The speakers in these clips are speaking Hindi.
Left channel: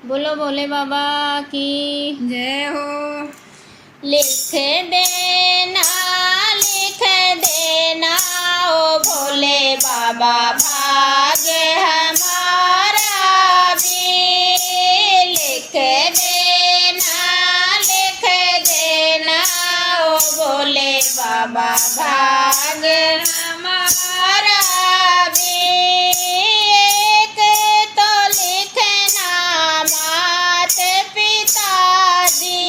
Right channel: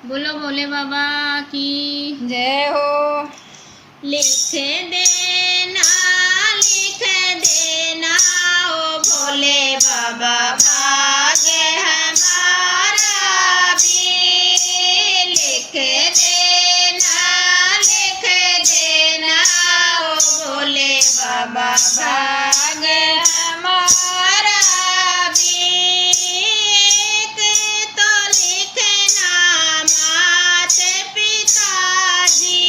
बोलो भोले बाबा की जय हो। लिख देना ओ भोले बाबा भाग्य हमारा भी। लिख देना ओ भोले बाबा भाग्य हमारा भी। एक तो लिखना मात पिता जी,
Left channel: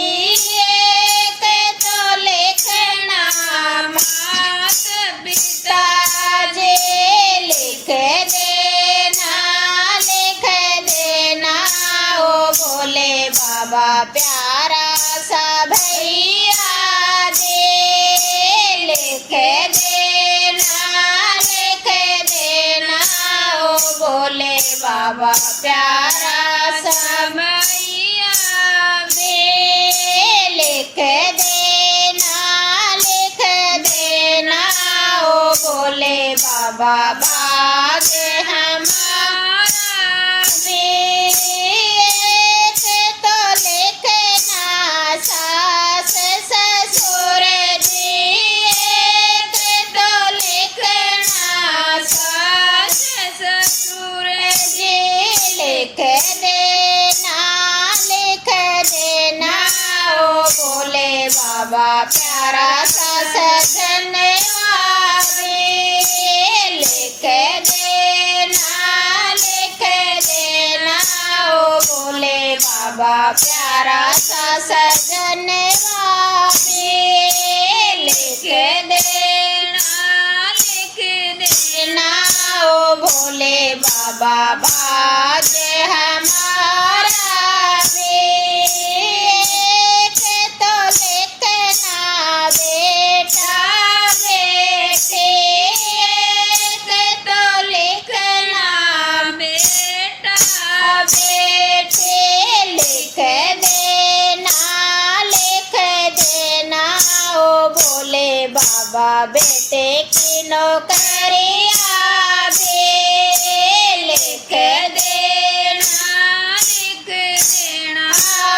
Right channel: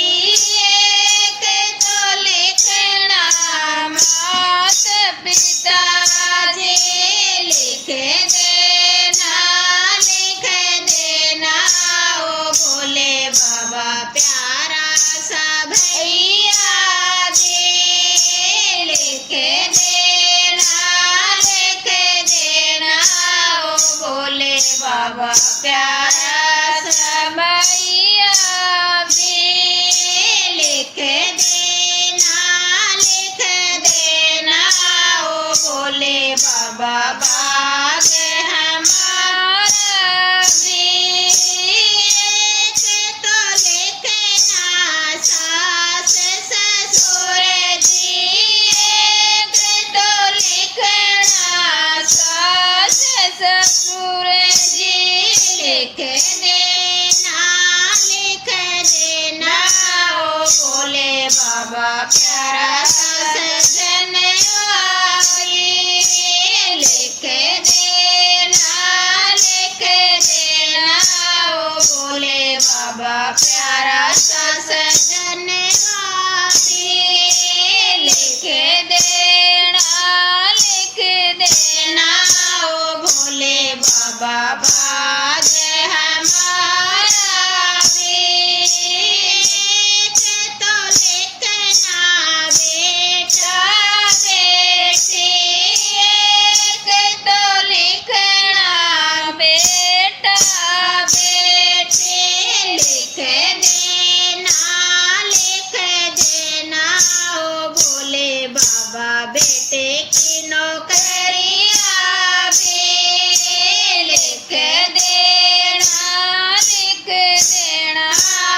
एक तो लिखना मात पिता जी। लिख देना ओ भोले बाबा प्यारा सा भैया जी। लिख देना ओ भोले बाबा प्यारा सा भैया जी। लिख देना ओ भोले बाबा भाग्य हमारा भी। एक तो लिखना सास ससुर जी, एक तो लिखना सास ससुर जी। लिख देना ओ भोले बाबा प्यारा सा सजन लिख देना ओ भोले बाबा प्यारा सा सजन लिख देना ओ भोले बाबा भाग्य हमारा भी। एक तो लिखना बेटा बेटी, एक तो लिखना बेटा बेटी। लिख देना ओ भोले बाबा बेटे की नौकरिया भी। लिख देना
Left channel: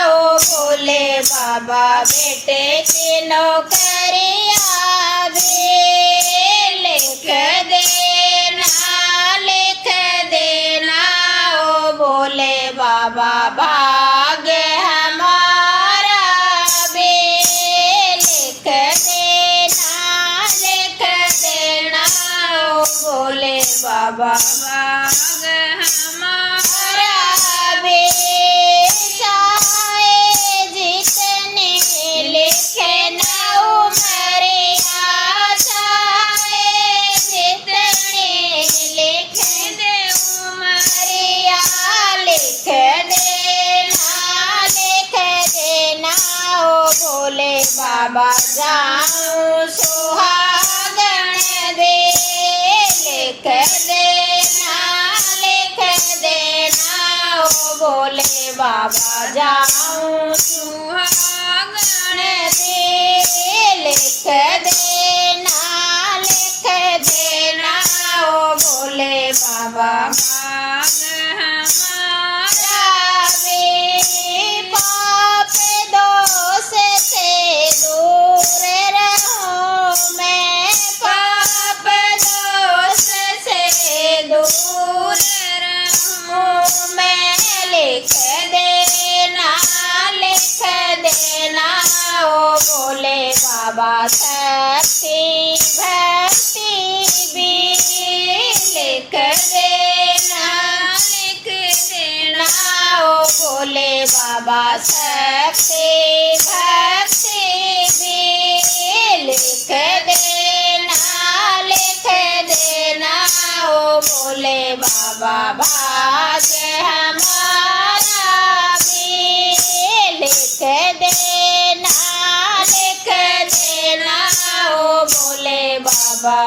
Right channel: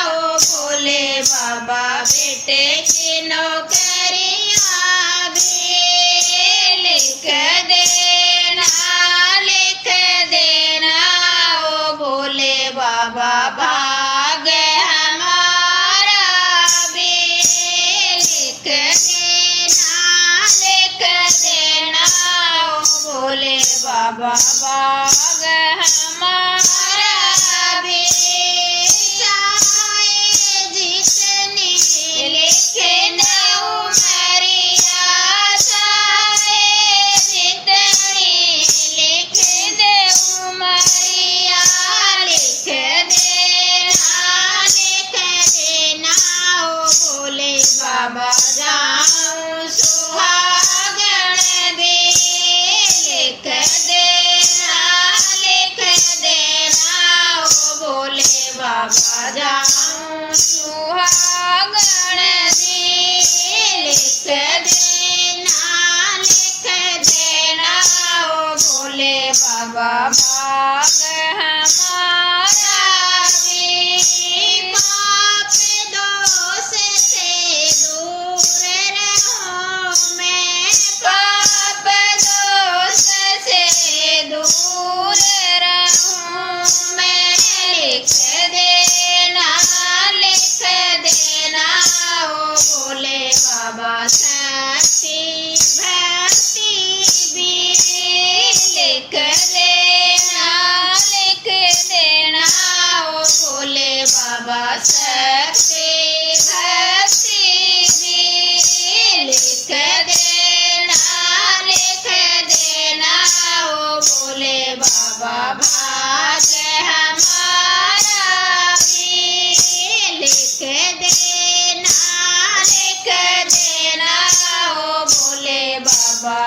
ओ भोले बाबा बेटे की नौकरिया भी। लिख देना ओ भोले बाबा भाग्य हमारा भी। लिख देना ओ भोले बाबा भाग्य हमारा भी। चाहे जितनी लिखना उमरिया, चाहे जितनी लिख दे उमरिया। लिख देना ओ भोले बाबा जाऊं सुहागन दे। लिख देना ओ भोले बाबा जाऊं सुहागन दे। लिख देना ओ भोले बाबा भाग्य हमारा भी। पाप दोष से दूर रहूं मैं, पाप दोष से दूर रहूं मैं। लिख देना ओ भोले बाबा शक्ति भक्ति भी। लिख देना ओ भोले बाबा शक्ति भक्ति भी। लिख देना ओ भोले बाबा भाग्य हमारा भी। लिख देना ओ भोले बाबा